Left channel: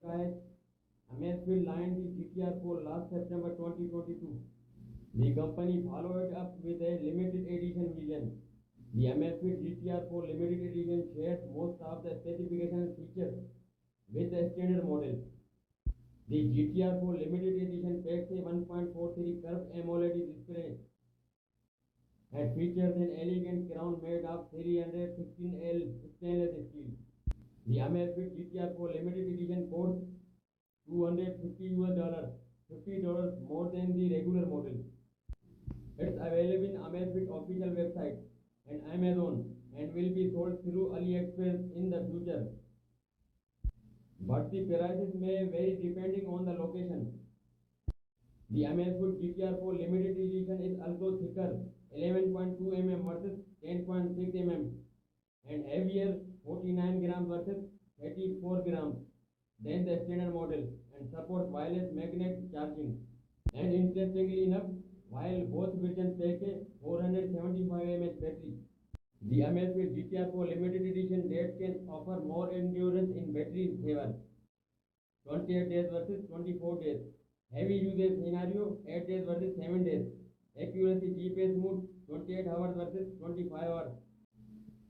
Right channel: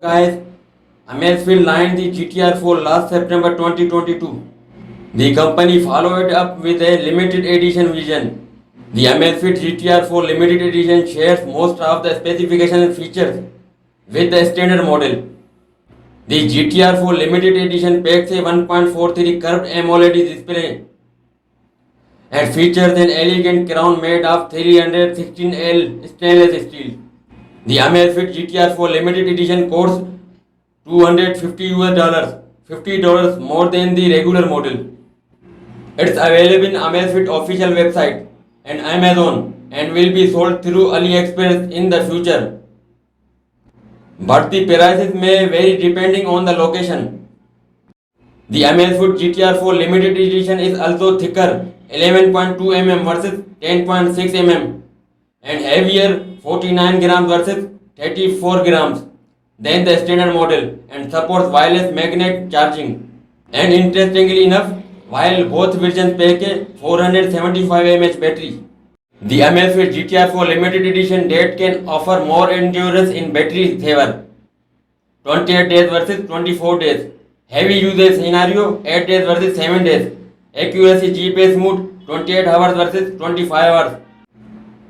Guys, Amazfit launched the GTR 4 last September 2022. The company followed up with a limited edition version. The Amazfit GTR 4 limited edition shares most of the specifications and features with the standard model. The GTR 4 limited edition packs a 1.43 curved AMOLED display and features an elegant crown made of 316L stainless steel. The Amazfit GTR 4 limited edition costs $250 $50 more than the regular model. It's available in Amazfit official website and Amazon and will be sold through AliExpress in the future. But the prices may vary depending on the location. The Amazfit GTR 4 limited edition is also thicker 11.2 mm versus 10.6 mm and heavier 49 grams versus 34 grams than the standard model and supports wireless magnet charging. And interestingly enough, while both versions pack a 475 mAh battery, the Amazfit GTR 4 limited edition date can offer more endurance in battery saver 28 days versus 24 days. Heavy usage scenario 8 days versus 7 days. Accuracy GPS mode 28 hours versus 25 hours.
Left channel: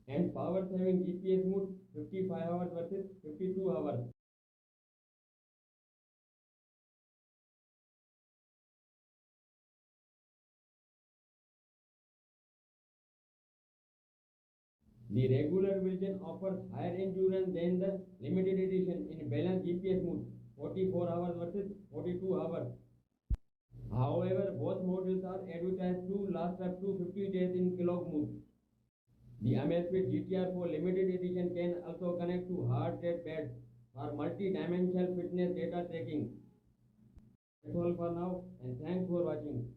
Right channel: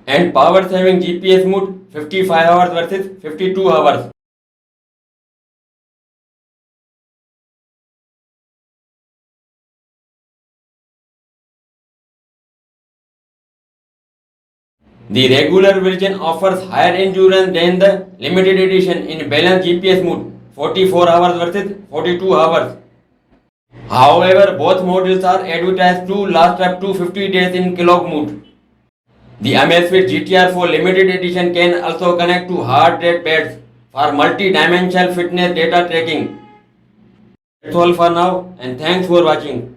And power saving GPS mode 55 hours versus 52 hours. The regular version offers higher endurance than the limited edition in balanced GPS mode 44 hours versus 42 hours. However, both models are advertised to last up to 50 days in clock mode. The Amazfit GTR 4 limited edition can also connect to heart rate pads for multi-dimensional fitness data tracking. That's all for now and thanks for watching.